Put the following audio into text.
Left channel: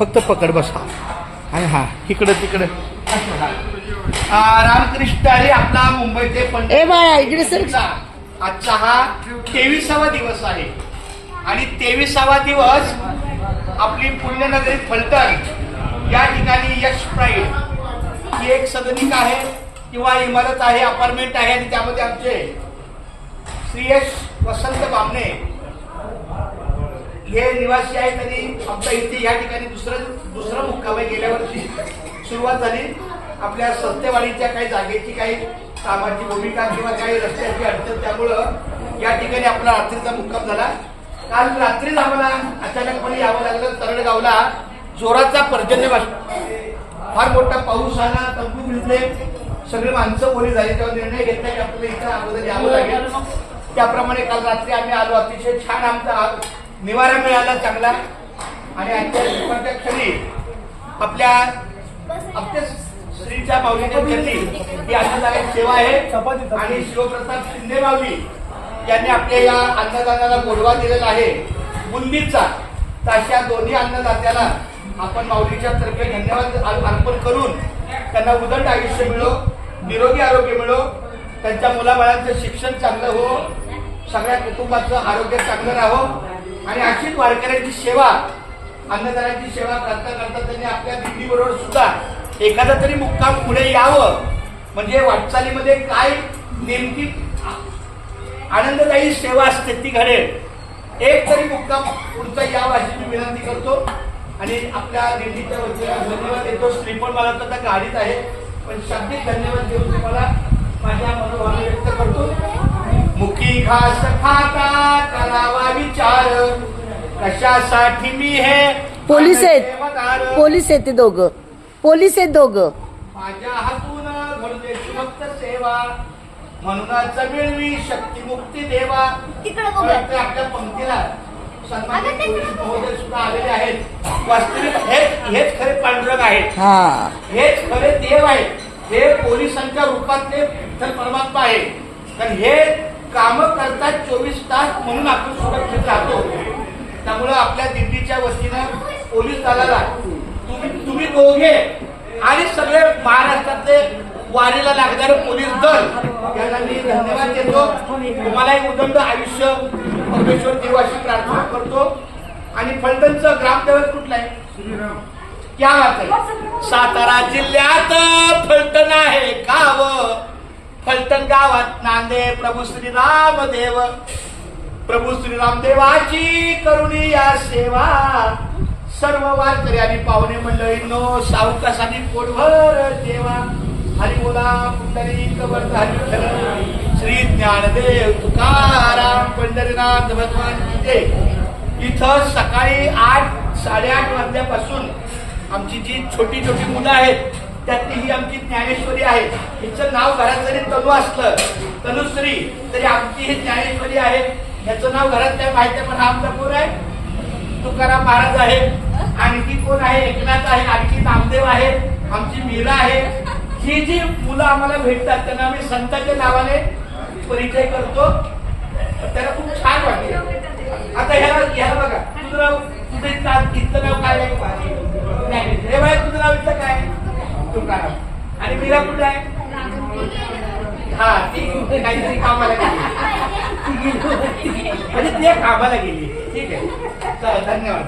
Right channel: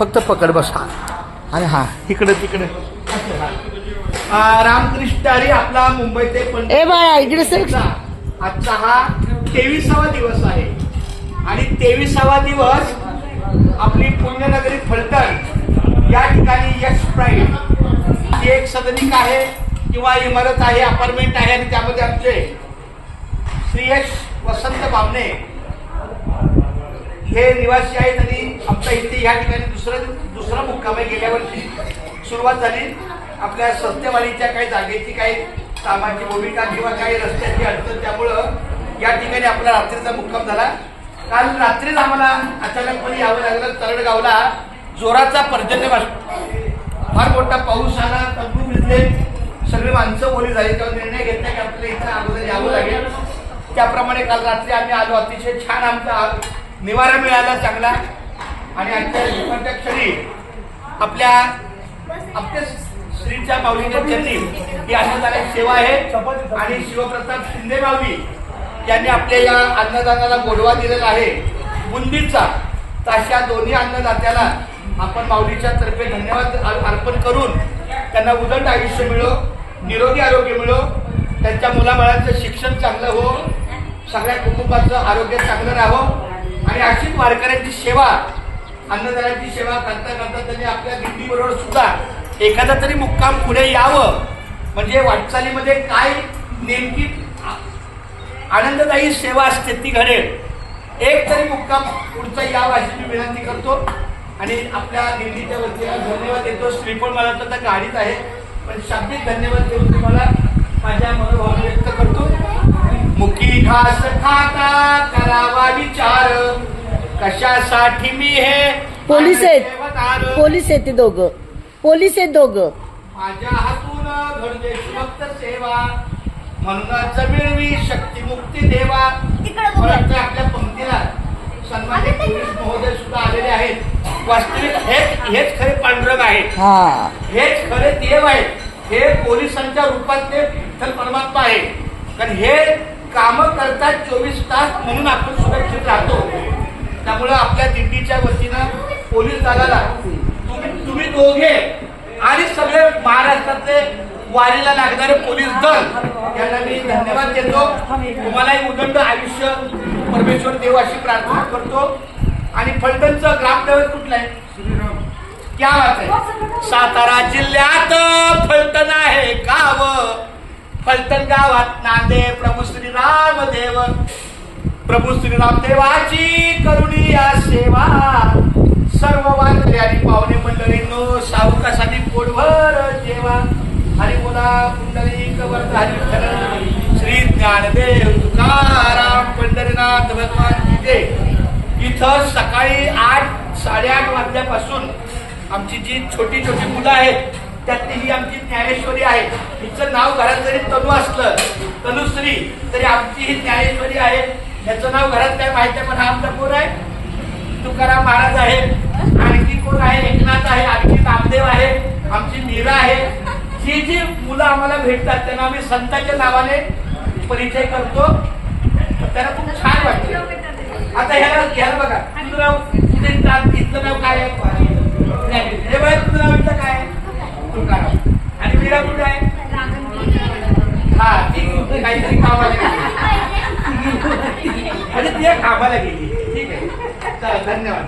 फक्त पकड बसा आणि हा इकडं तिकडं रामकृष्ण हरी आपला मुंबईचे पंडित आजचा हा 23वा दिवस आहे आणि 23वा दिवस आपली पुण्यनगरी फलटण या ठिकाणी यश प्राईड ही एक सदनिक आहे किंवा इमारत आहे, अपार्टमेंट आहे आणि त्यामध्ये आमचे श्री यश वसंत बामणे हे निवासी आहेत आणि आमच्या इथे या ठिकाणी दुसरा मुक्काम आहे. गेल्या वर्षी सुरुवात झाली. आपल्या सत्यवाडीच्या काही जागेची काही कामाची भूमिका किंवा काही रस्त्याची अडचण त्यामुळं या ठिकाणी आपला रात्रीचा मुक्काम झाला. काल रात्रीच आम्हाला अचानकपणे यावं लागलं. तरडगावला जोराचा पर्जन्यवृष्टी, फार मोठा पाऊस आला, तंबू भिजले, सगळे माणसं ओली झाली. तेव्हा निर्णय घेतला की आपल्याला इथं अगोदर यावं लागेल. त्याप्रमाणे काल रात्री आम्ही आलो. अतिशय छान आमचा निवारा मिळाला चांगला. आणि आजच्या दुपारच्या क्षणी आपल्या श्रीच्या माऊलीच्या चरणी ही अन्नदानाची सेवा आहे आणि शिवप्रताप शिंदे माऊली यांनी आपल्या या अन्नदानाला गोडवा दिलेला आहे बुंदीचा. तर अशा दोन्ही अन्नदात्याला आपण माऊलीच्या तर्फे धन्यवाद अर्पण करून त्यांना उदंड आयुष्य मिळो, निरोगी आरोग्य मिळो, त्यांच्या मुलाबाळांचं शिक्षण चांगलं हो, सगळ्या कुटुंबाचं आरोग्य चांगलं राहो आणि अशीच वारकऱ्यांची सेवा, अन्नदानाची सेवा करता करता त्यांनी आपल्या दिंडीबरोबर सुद्धा एखादा तरी मुक्काम पुढे यावं. म्हणजे वाटचालीमध्ये काय नेमकी आनंददायी सेवा असते ती घडेल. एक तरी मुक्काम पुढचा यावा अशी मी विनंती करतो आणि आपल्या दिंडीच्या वतीला धन्यवाद देतो. श्रीफळ मला तर गाडीत आहे पण शाब्दिक धन्यवाद देऊन तुम्हाला माझ्या मनोभावना व्यक्त करतो. मुकी घास खाता करावा विचार, कशासाठी मी हे पोलीस आहेत ते दोघं, पोलीस आहेत दोघं. माझ्या हातून घडते शिवभक्त सेवा, म्हणूनच मिळवी शक्ती मुक्ती देवा. आपल्या पंक्तीला सन्मानित पोलीस महोदय सुद्धा आलेले आहेत. वास्तविक हेच खरे पांडुरंग आहेत, हेच खरे देव आहेत, हे पोलिसांच्या रूपातले विठ्ठल परमात्मा आहे. कारण हे काम करतात 24 तास म्हणून आपण सुरक्षित राहतो. त्यामुळे आपल्या दिंडीच्या वतीनं पोलीस दलाला तुम्ही दोघे आणि सगळे महाराष्ट्रातले वारीला लागणारे पोलीस दल यांना मी धन्यवाद देतो. तुम्हालाही उदंड आयुष्य परमेश्वर देव अशी प्रार्थना करतो. आणि फलटणचं ग्रामदैवत कुठलं आहे? क्या बात आहे. सातारा जिल्ह्यात फलटण आहे गाव. फलटण गावात नांदे प्रभू श्रीराम देव. प्रभू श्रीराम देवाची करुणी या सेवा. सर्व वारकरी आणि पाहुणे मंडळींनो सावकासाठी पोटभर जेवा. हरी बोला पुंडलिक वरदारी विठ्ठल श्री ज्ञानदेव तुकाराम पंढरीनाथ भगवान की जय. इथं सकाळी 8-8:30 वाजल्यापासून आमची जी छोटी छोटी मुलं आहेत त्यातली ही आमची ज्ञानेश्वरी आहे. हिचं नाव घरात जरी तनू असलं, तनुश्री, तरी आमची ही ज्ञानेश्वरी आहे. याचं नाव घरात काय माहिती आहे पण हा आमचा कोण आहे? तुकाराम महाराज आहे. आणखी कोण आहे? एकनाथ आहे. आणखी नामदेव आहे. आमची मीरा आहे. ही जी मुलं आम्हाला भेटतात त्यांना आम्ही संतांच्या नावाने परिचय करतो. त्यांना खूप छान वाटते. आता ह्याला बघा, तुझं नाव, तुझं इथलं नाव काय आहे? तुझं नाव इथलं काय आहे? तुकाराम. आणि मीरा कुठं आहे? हा, ती काहीतरी कामाला गेली. म्हणजे ती कामाला गेली. ठीक आहे, चला धन्यवाद.